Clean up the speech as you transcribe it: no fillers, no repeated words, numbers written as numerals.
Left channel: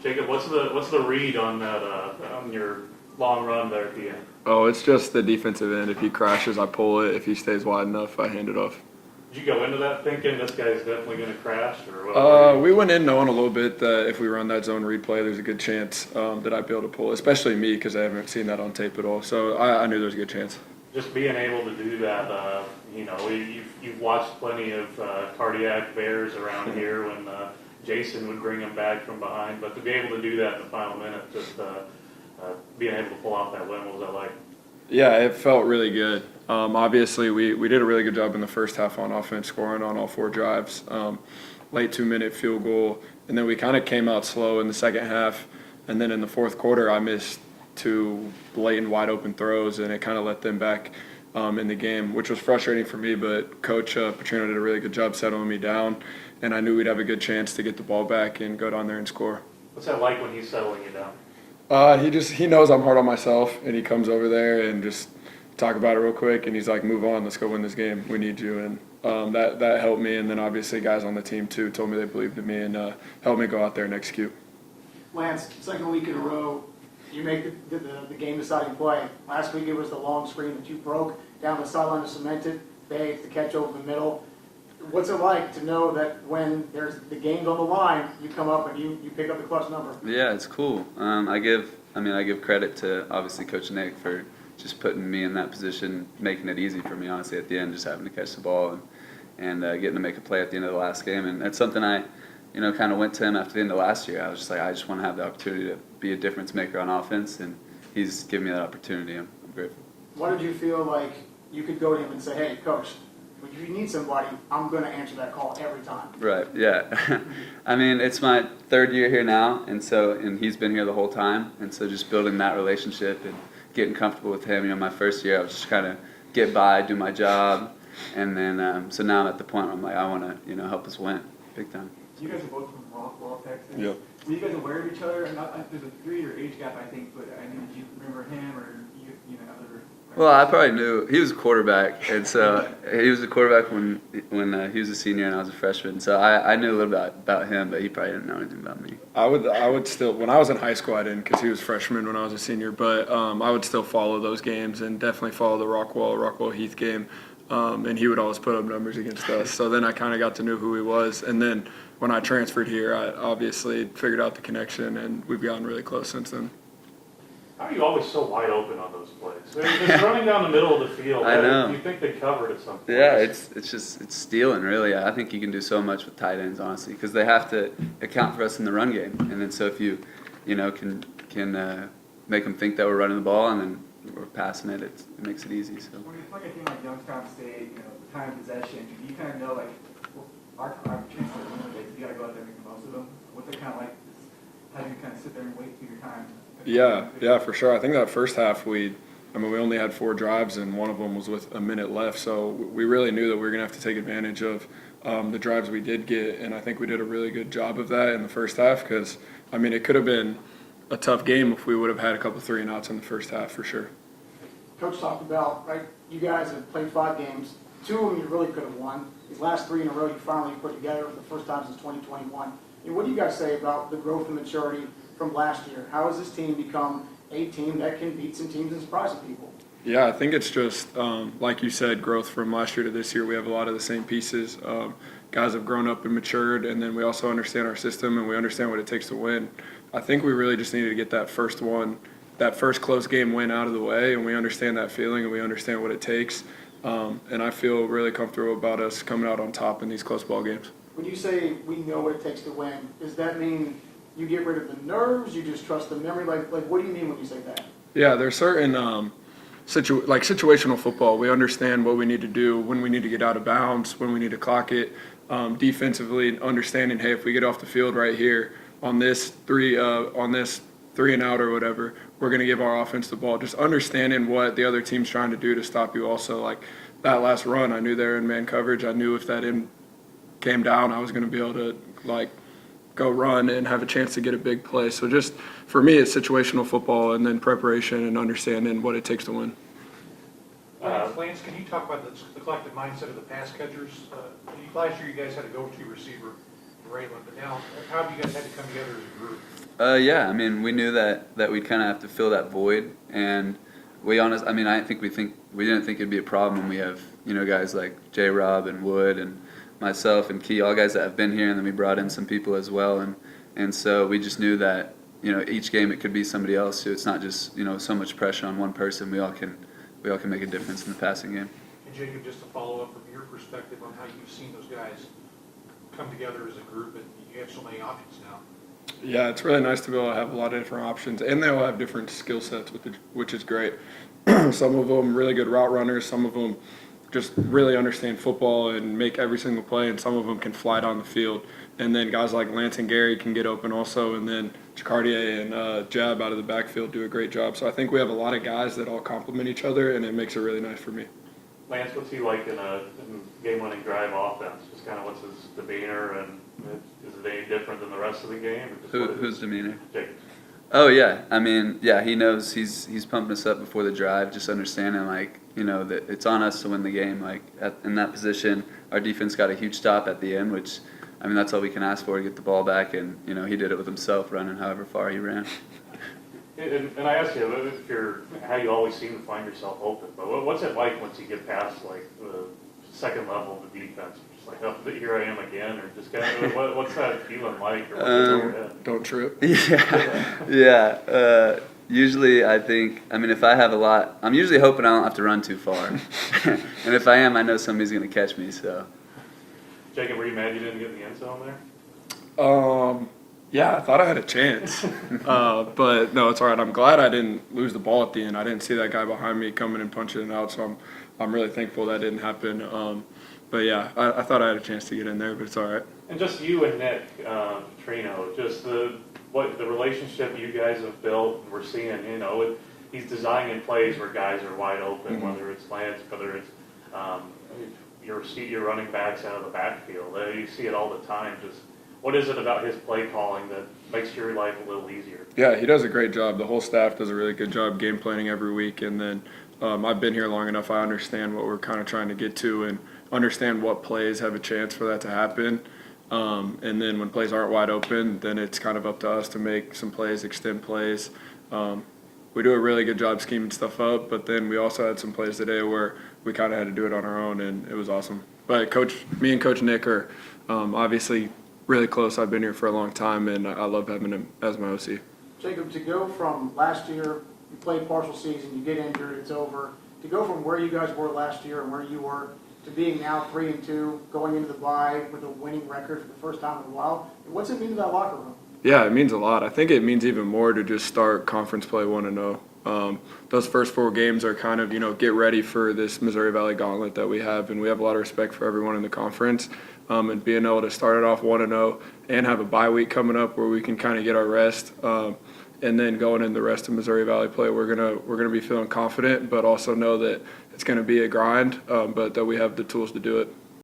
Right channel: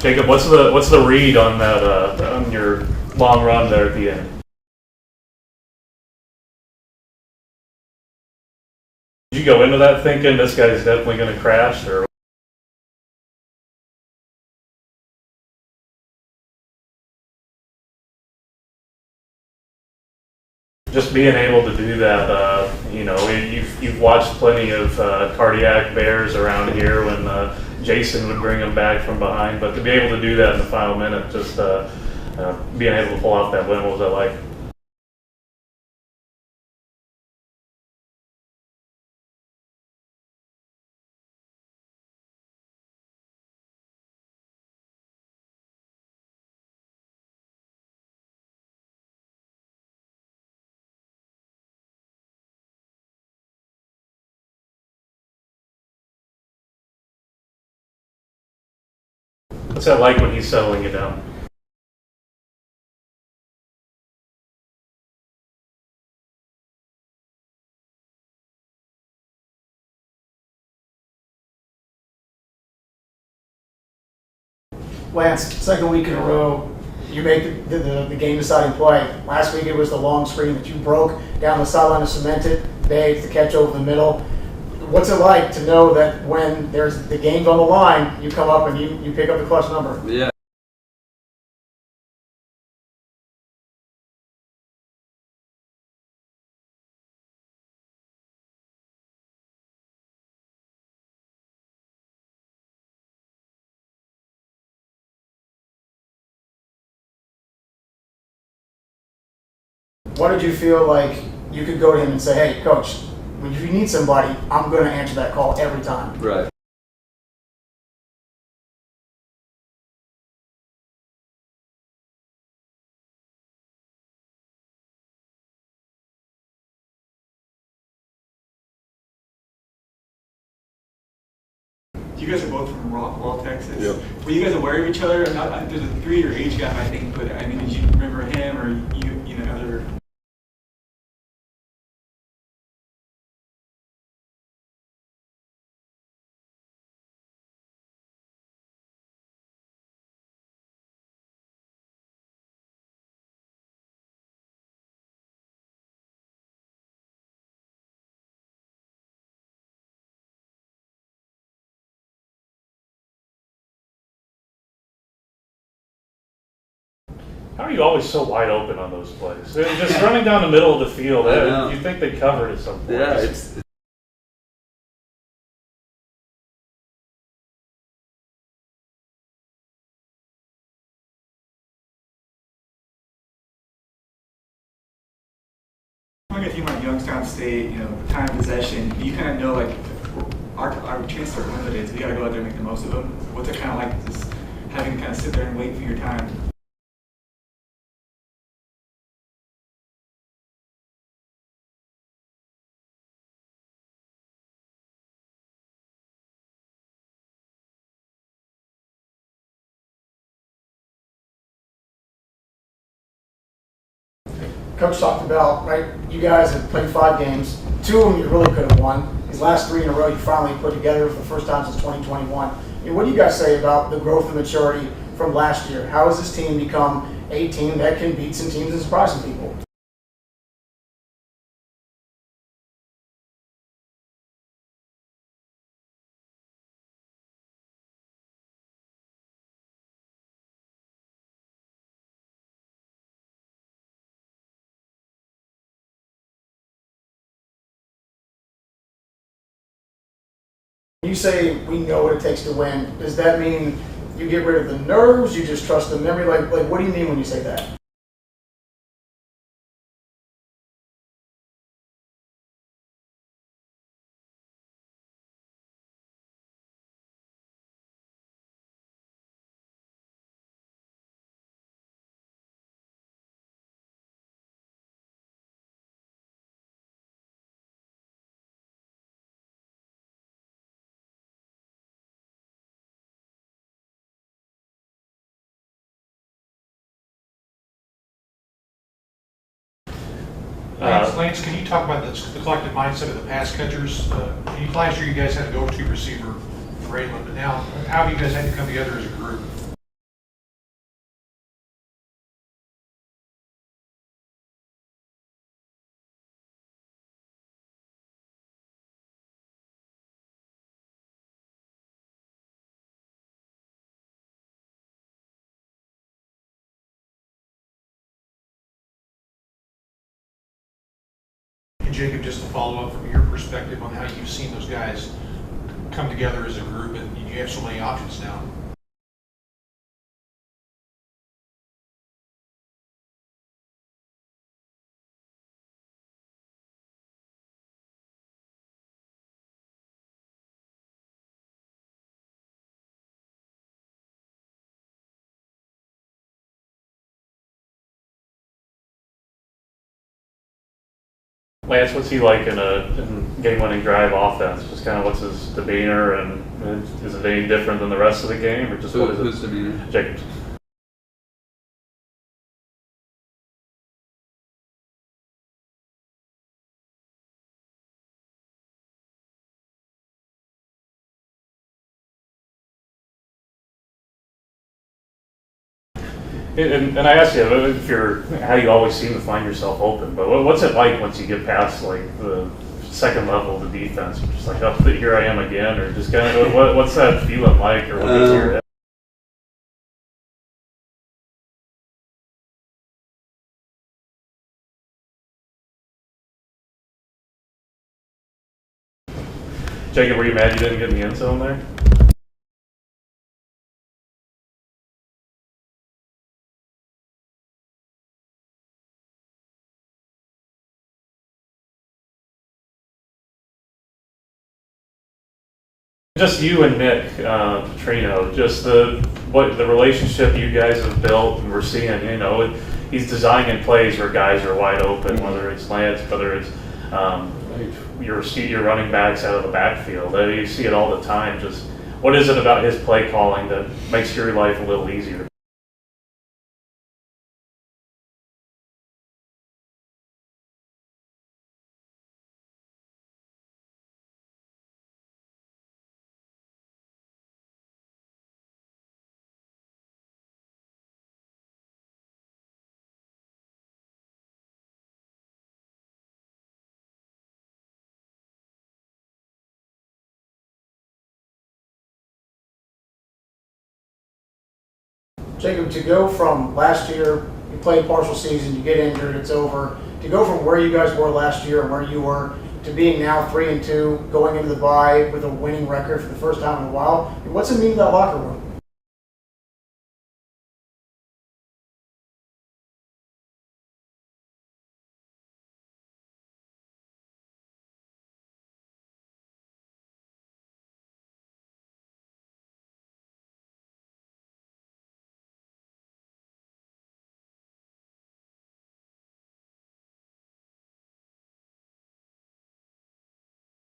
Jacob, what's the read on that on your long run there at the end? Oh, it's just the defensive end. If he crashes, I pull it. If he stays wide enough, I hand it off. Did you go into that thinking this guy's definitely going to crash, or? We went in knowing a little bit that if we run that zone read play, there's a good chance that I'd be able to pull, especially me because I haven't seen that on tape at all. So I knew there was a good chance. Just being able to do that, you've watched plenty of cardiac bears around here when Jason would bring them back from behind, but to be able to do that in the final minute, just being able to pull off that win, what was that like? Yeah, it felt really good. Obviously, we did a really good job in the first half on offense, scoring on all 4 drives. Late 2-minute field goal, and then we kind of came out slow in the second half, and then in the fourth quarter, I missed 2 blatant wide open throws, and it kind of let them back in the game, which was frustrating for me. But Coach Petrino did a really good job settling me down, and I knew we'd have a good chance to get the ball back and go down there and score. What's that like when he's settling you down? He knows I'm hard on myself, and he comes over there and just talk about it real quick, and he's like, "Move on, let's go win this game. We need you." And that helped me. And then obviously guys on the team too told me they believed in me and helped me go out there and execute. Lance, second week in a row, you make the game-deciding play. Last week it was the long screen that you broke down the sideline and cemented. Today it's the catch over the middle. What's it like to know that when there's the game's on the line, you come up and you pick up the clutch number? Yeah, it's cool. I give credit to obviously Coach Nick for just putting me in that position, making it easy for me, honestly, at the end, just having to catch the ball and getting to make a play at the end of the last game. And that's something I, kind of went to him after the end of last year. I was just like, I just want to have the opportunity to be a difference maker on offense, and he's given me that opportunity. I'm grateful. What did you feel like you could go to him and say, "Hey, Coach, if you need somebody, I'm going to answer that call every time"? Right, yeah. I mean, it's my 3rd year here now, and he's been here the whole time, and so just building that relationship and getting comfortable with him. My first year I was just kind of get by, do my job, and then so now I'm at the point where I'm like, I want to help us win big time. You guys are both from Rockwall, Texas. Yep. Were you guys aware of each other? There's a 3-year age gap, I think, but I mean, did you remember him or other? Well, I probably knew he was a quarterback, and so he was a quarterback when he was a senior and I was a freshman. So I knew a little bit about him, but he probably didn't know anything about me. I would still, when I was in high school, I didn't because he was freshman when I was a senior, but I would still follow those games and definitely follow the Rockwall Heath game, and he would always put up numbers against us. So then I kind of got to know who he was, and then when I transferred here, I obviously figured out the connection, and we've gotten really close since then. How are you always so wide open on those plays? They're just running down the middle of the field. I know. You think they covered at some point. Yeah, it's stealing, really. I think you can do so much with tight ends, honestly, because they have to account for us in the run game. And then so if you can make them think that we're running the ball and then we're passing it, it makes it easy. So. When a team like Youngstown State, time of possession, you kind of know like our chances are limited, so you got to go out there and make the most of them. What's it kind of like just having to kind of sit there and wait for your time? Yeah, for sure. I think that first half we only had 4 drives and one of them was with a minute left. So we really knew that we were going to have to take advantage of the drives we did get. And I think we did a really good job of that in the first half because, it could have been a tough game if we would have had a couple 3-and-outs in the first half for sure. Coach talked about, right, you guys have played 5 games. 2 of them you really could have won. These last 3 in a row you finally put together for the first time since 2021. What do you guys say about the growth and maturity from last year? How has this team become a team that can beat some teams and surprise some people? Yeah, I think it's just, like you said, growth from last year to this year. We have a lot of the same pieces. Guys have grown up and matured, and then we also understand our system and we understand what it takes to win. I think we really just needed to get that first close game win out of the way, and we understand that feeling and we understand what it takes. And I feel really comfortable about us coming out on top in these close ball games. When you say we know what it takes to win, does that mean you get rid of the nerves, you just trust the memory? Like what do you mean when you say that? Yeah, there's certain situational football. We understand what we need to do, when we need to get out of bounds, when we need to clock it. Defensively, understanding, hey, if we get off the field right here on this 3-and-out or whatever, we're going to give our offense the ball. Just understanding what the other team's trying to do to stop you. Also, like that last run, I knew they were in man coverage. I knew if that end came down, I was going to be able to go run and have a chance to get a big play. So just for me, it's situational football and then preparation and understanding what it takes to win. Lance, can you talk about the collective mindset of the pass catchers? Last year you guys had a go-to receiver, Raylan, but now how have you guys had to come together as a group? Yeah, I mean, we knew that we'd kind of have to fill that void, and we didn't think it'd be a problem when we have, you know, guys like J. Rob and Wood and myself and Key, all guys that have been here, and then we brought in some people as well, and so we just knew that, you know, each game it could be somebody else, so it's not just, you know, so much pressure on one person. We all can make a difference in the passing game. And Jacob, just to follow up from your perspective on how you've seen those guys come together as a group, and you have so many options now. Yeah, it's really nice to be able to have a lot of different options, and they all have different skill sets, which is great. Some of them really good route runners, some of them just really understand football and make every single play, and some of them can fly down the field. And then guys like Lance and Gary can get open also, and then Jacardier and Jab out of the backfield do a great job. So I think we have a lot of guys that all complement each other, and it makes it really nice for me. Lance, what's he like in a game-winning drive offense? Just kind of what's his demeanor, and is it any different than the rest of the game, or just what is Who's it? demeanor? Jacobs. Oh yeah, I mean, yeah, he knows he's pumping us up before the drive, just understanding, like, you know, that it's on us to win the game. Like in that position, our defense got a huge stop at the end, which, I mean, that's all we can ask for, to get the ball back, and, you know, he did it with himself, running however far he ran. And I asked you if how you always seem to find yourself open, but what's it like once you get past like the second level of the defense? You're just like, oh, here I am again, or just kind of what's that feeling like, or what gets in your head? Don't trip. Yeah. Usually, I mean, if I have a lot, I'm usually hoping I don't have to run too far, and if I am, I know somebody's going to catch me. So. Jacob, were you mad you didn't get in the end zone there? Yeah, I thought I had a chance, but no, it's all right. I'm glad I didn't lose the ball at the end. I didn't see that guy behind me coming and punching it out, so I'm really thankful that didn't happen. But yeah, I thought I had a chance to get in there, but it's all right. And just you and Nick Trino, just the relationship you guys have built, and we're seeing, you know, he's designing plays where guys are wide open, whether it's Lance, whether it's your running backs out of the backfield. You see it all the time. Just what is it about his play calling that makes your life a little easier? Yeah, he does a great job. The whole staff does a really good job game planning every week, and then I've been here long enough. I understand what we're kind of trying to get to, and understand what plays have a chance for that to happen. And then when plays aren't wide open, then it's kind of up to us to make some plays, extend plays. We do a really good job scheming stuff up, but then we also had some plays today where we kind of had to do it on our own, and it was awesome. But me and Coach Nick are obviously really close. I've been here for a long time, and I love having him as my OC. Jacob, to go from last year, you played partial season, you get injured, it's over, to go from where you guys were last year and where you were to being now 3-2, going into the bye with a winning record for the first time in a while, what's it mean to that locker room? Yeah, it means a lot. I think it means even more to just start conference play 1-0. Those first 4 games are kind of, you know, get ready for this Missouri Valley gauntlet that we have, and we have a lot of respect for everyone in the conference. And being able to start it off 1-0 and have a bye week coming up where we can kind of get our rest, and then going in the rest of Missouri Valley play, we're gonna be feeling confident, but also know that it's gonna be a grind, but that we have the tools to do it.